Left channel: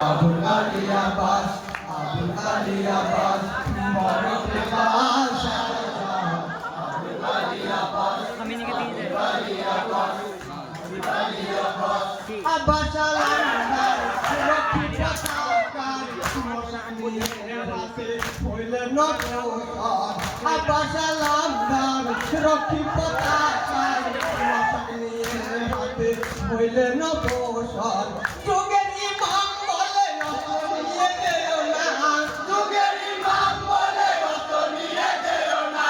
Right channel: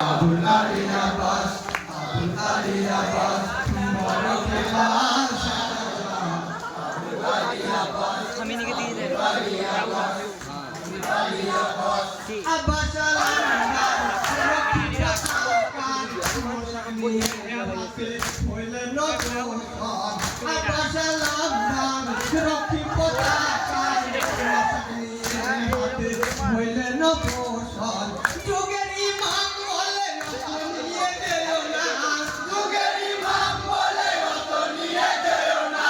Abul Ali Abbas, Abul Ali Abbas, Morocco Abbas, Abul Ali Abbas, हमें नहीं कहती है Abbas Alamdar, Abbas Alamdar, Rocky Potakar, Hoyle no poshon, Joger Imam bole niye deyo na, Joger Imam bole niye deyo na,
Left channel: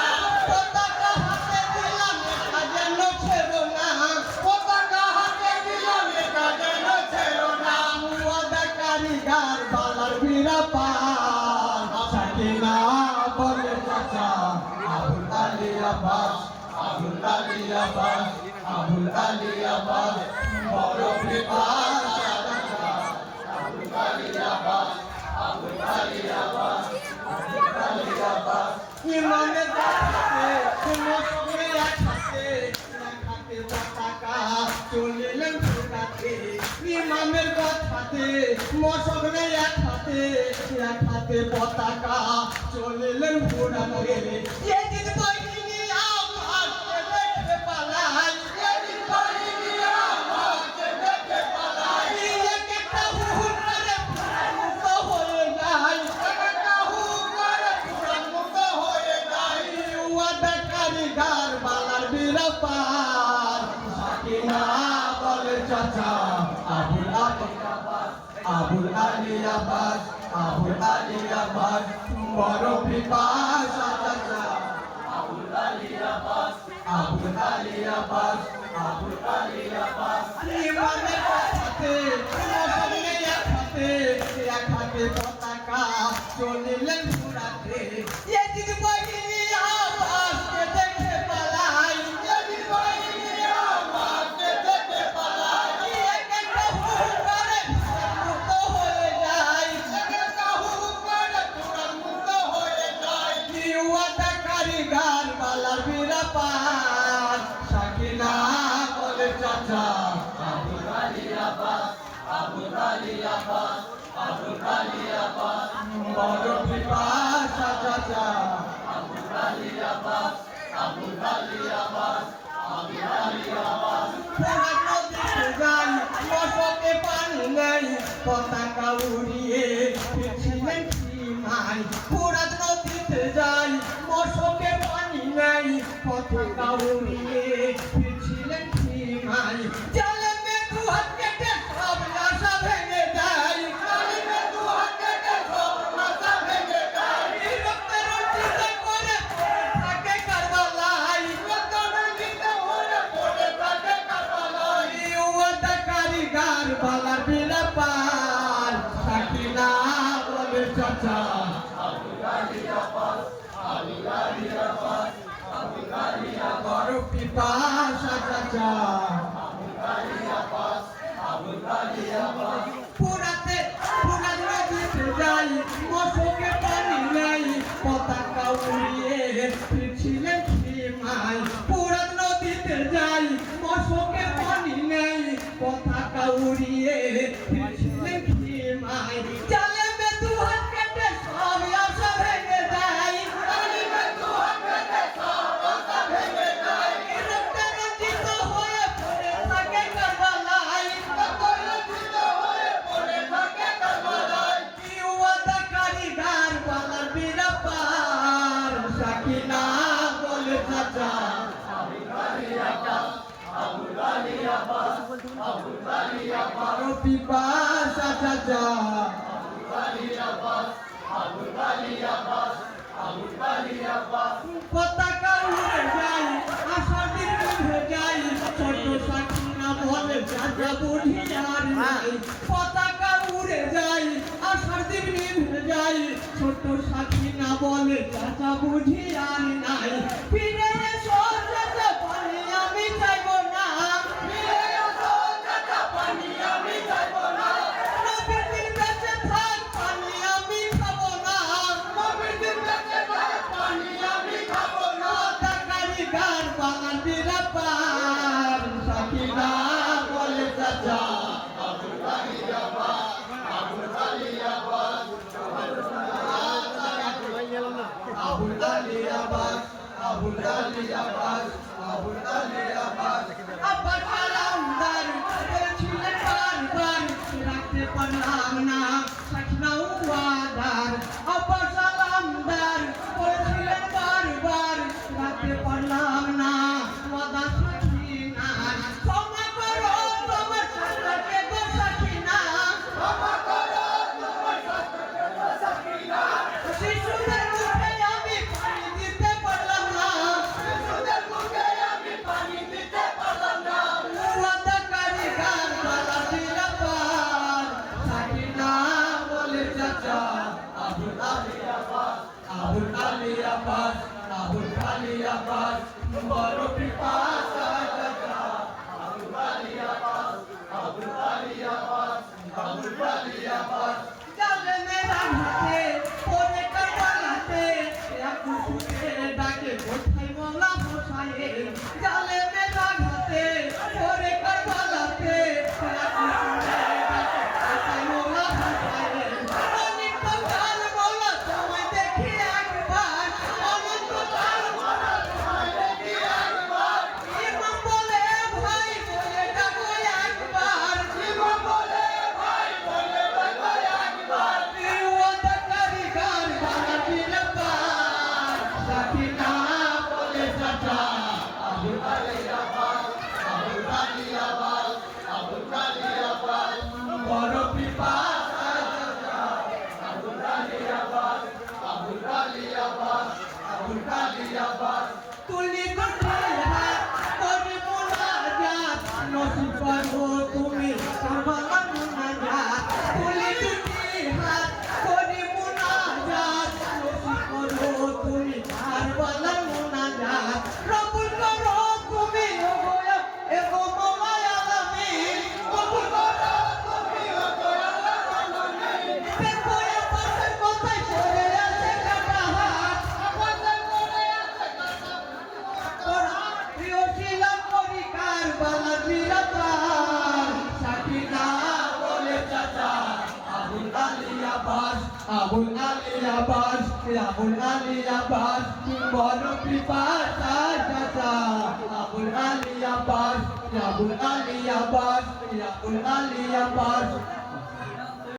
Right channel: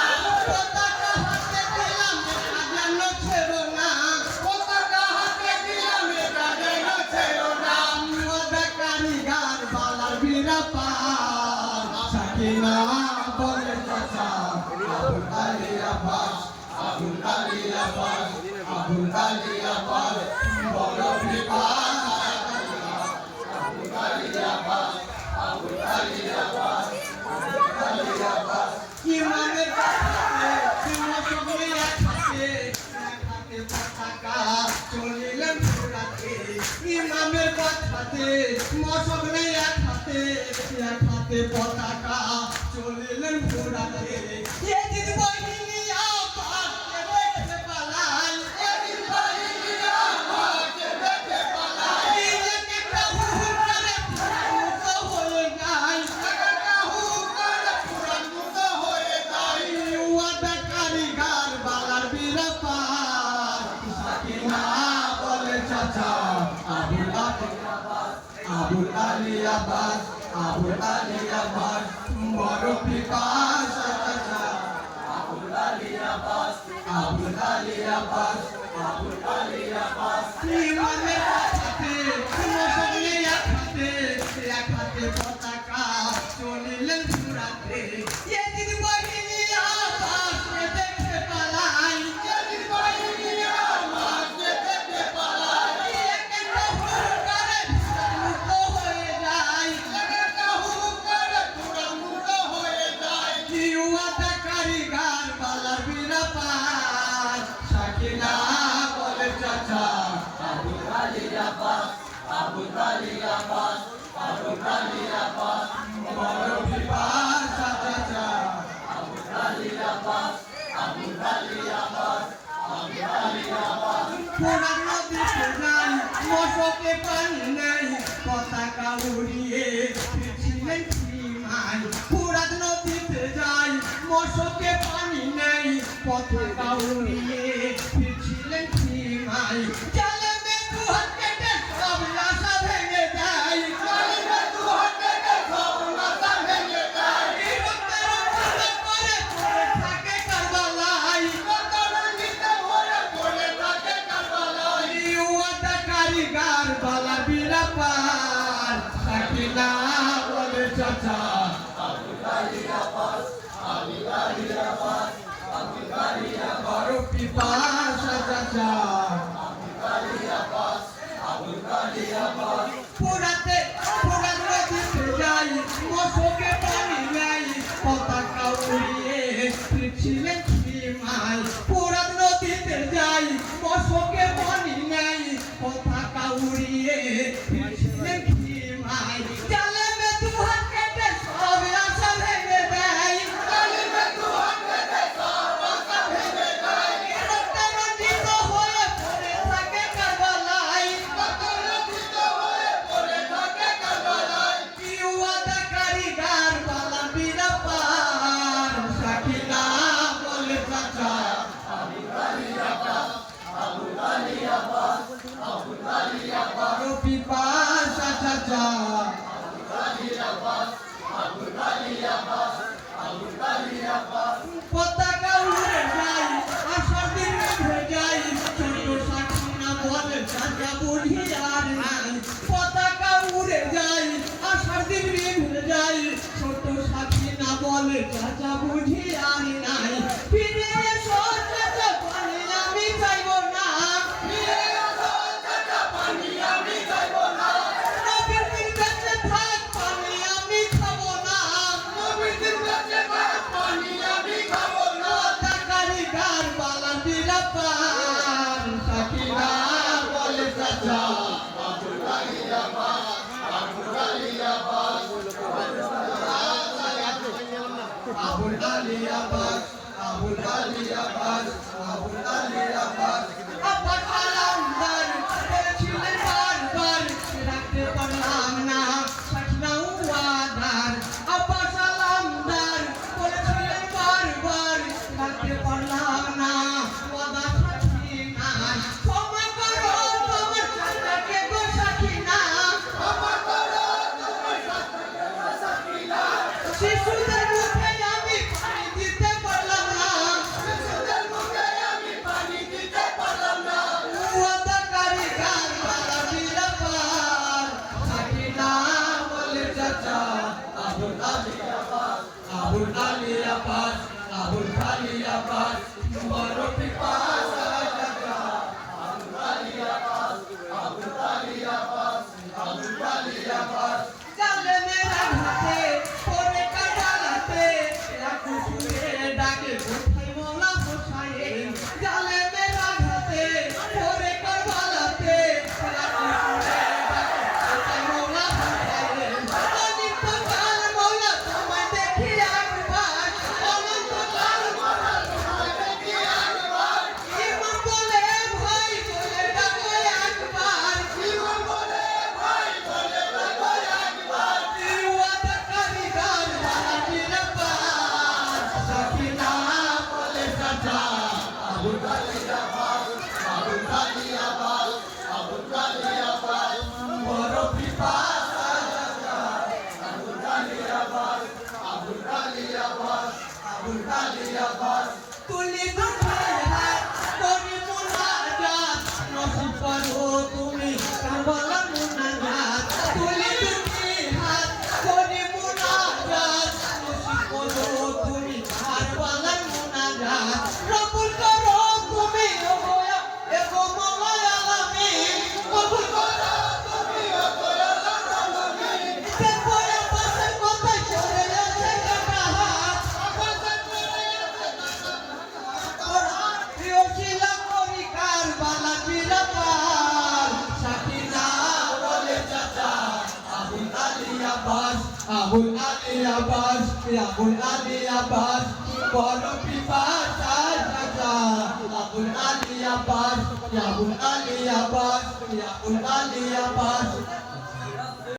Potaka hate dilam kaje no chero na, Potaka hate dilam kaje no chero na, Wada karigar balar birapan, Sakina bole chacha, Abul Ali Abbas, Abul Ali Abbas, Abul Ali Abbas, Bolo Pipan, Abul Ali Abbas, Abul Ali Abbas, Abul Ali Abbas. Imamet batate, Timosogre yakate, yakate bataka, cholilen purate. Imamet batate, Timosogre yakate, yakate bataka, cholilen purate. Ye jid bahini aapar, ye bekhe palai, ye jid bahini aapar, ye bekhe palai. Ye kitta hur kare puran mukto hoye jai, kitta hur kare puran mukto hoye jai. Wada karigar balar birapar, Sakina bole chacha, Abul Ali Abbas, Abul Ali Abbas, Abul Ali Abbas, boro pipas chacha. Abul Ali Abbas, Abul Ali Abbas, Abul Ali Abbas. Imane batate, Timosogre yakate, yakate potaka, cholilen purate. Ye did bahini Abbas, ye dekhe palai, ye did bahini Abbas, ye dekhe palai. Ye kitta hur kare puran mukto hoye jai, kitta hur kare puran mukto hoye jai. Wada karigar balar birapar, Sakina bole chacha, Abul Ali Abbas, Abul Ali Abbas, Abul Ali Abbas, boro pipas chacha, Abul Ali Abbas, Abul Ali Abbas, Abul Ali Abbas. Puran nobite jai, mosoke pani nei, potaka uড়িয়ে ফিরছিলেন সীমায়। পুরাত নদীতে যাই, মশকে পানি নেই, পতাকা উড়িয়ে ফিরছিলেন সীমায়। জালে মৃত্যু হাত কেটে সব আশা ভেঙে যায়, জালে মৃত্যু হাত কেটে সব আশা ভেঙে যায়। রক্তে রঞ্জিত করে পড়ে থাকে কারবালায়, রক্তে রঞ্জিত করে পড়ে থাকে কারবালায়। ওয়াদা কারিগর বালার বিরাপার, সাকিনা বলে চাচা, Abul Ali Abbas, Abul Ali Abbas, Abul Ali Abbas, boro pipas chacha, Abul Ali Abbas, Abul Ali Abbas. পুরাতে পুরান নদীতে যাই, মশকে পানি নেই, পতাকা উড়িয়ে ফিরছিলেন সীমায়। পুরান নদীতে যাই, মশকে পানি নেই, পতাকা উড়িয়ে ফিরছিলেন সীমায়। জালে মৃত্যু হাত কেটে সব আশা ভেঙে দেয়, জালে মৃত্যু হাত কেটে সব আশা ভেঙে দেয়। রক্তে রঞ্জিত হয়ে পড়ে থাকে কারবালায়, রক্তে রঞ্জিত হয়ে পড়ে থাকে কারবালায়। ওয়াদা কারিগর বালার বিরাপার, সাকিনা বলে চাচা, Abul Ali Abbas, Abul Ali Abbas, Abul Ali Abbas, boro pipas chacha, Abul Ali Abbas, Abul Ali Abbas, Abul Ali Abbas. পতাকা উড়ে যায়, আশার দিন নিভে যায়, ছোট সাকিনা বলে চাচা বুড়ি আর নাই। পতাকা উড়ে যায়, আশার দিন নিভে যায়, ছোট সাকিনা বলে চাচা বুড়ি আর নাই। ফিরে এসো চাচা পানি আমি চাইবো না, ফিরে এসো চাচা পানি আমি চাইবো না। নবীর দিন বেঁচে থাক পানি আমি খাবো না, নবীর দিন বেঁচে থাক পানি আমি খাবো না। কারিগর বালার বিরাপার, সাকিনা বলে চাচা, Abul Ali Abbas, Abul Abbas Abul Ali Abbas Abul Ali Abbas Abbas Alamdar বলছিলেন বারবার রাখতে পারলাম না সাকিনা ওয়াদার আব্বাস আলমদার বলছিলেন বারবার রাখতে পারলাম না ওয়াদা সাকিনা ক্ষমা করো তোমার সাথে গো সাকিনা ক্ষমা করো তোমার সাথে গো সাকিনা শিশুদের মুখে আমি পানি দিতে পারলাম না শিশুদের মুখে আমি পানি দিতে পারলাম না ওয়াদাকারী গান বালা বিরাপার সাকিনা বলে চাচা আবুল আলী আব্বাস আবুল আলী আব্বাস আবুল আলী আব্বাস বড় পিপাসা চাচা আবুল আলী আব্বাস আবুল আলী আব্বাস আবুল আলী আব্বাস চলে মেরা হাতে পরে কাটাতে রাখু সুরে ডাকে কোথায় মোলা বসায়ে চলে মেরা হাতে পরে কাটাতে রাখু সুরে ডাকে কোথায় মোলা বসায়ে অনেক কাল মোলা তোমায় দেখি একবার অনন্ত কাল মোলা তোমায় দেখি একবার ইমাম বলে ভাই বলে ডাকো একবার ইমাম বলে ভাই বলে ডাকো একবার ওয়াদাকারী গান বালা বিরাপার সাকিনা বলে চাচা আবুল আলী আব্বাস আবুল আলী আব্বাস আবুল আলী আব্বাস বড় পিপাসা চাচা আবুল আলী আব্বাস আবুল আলী আব্বাস আবুল আলী আব্বাস তুলি দুটি হাত করি মুনাজাত নসিব করো তুমি কামাল মুনাজাত তুলি দুটি হাত করি মুনাজাত নসিব করো তুমি কামাল মুনাজাত রব্বুল করো তুমি এগো মওলা আলামিন কবুল করো তুমি এগো আলামিন দেখো আব্বাসের কথায় চলে আছে কাটা হাত আব্বাসের পরে আছে কোরআন প্রিয় ছিল কবি কারবালা বিরাপার সাকিনা বলে চাচা আবুল আলী আব্বাস আবুল আলী আব্বাস আবুল আলী আব্বাস বড় পিপাসা চাচা আবুল আলী আব্বাস আবুল আলী আব্বাস আবুল আলী আব্বাস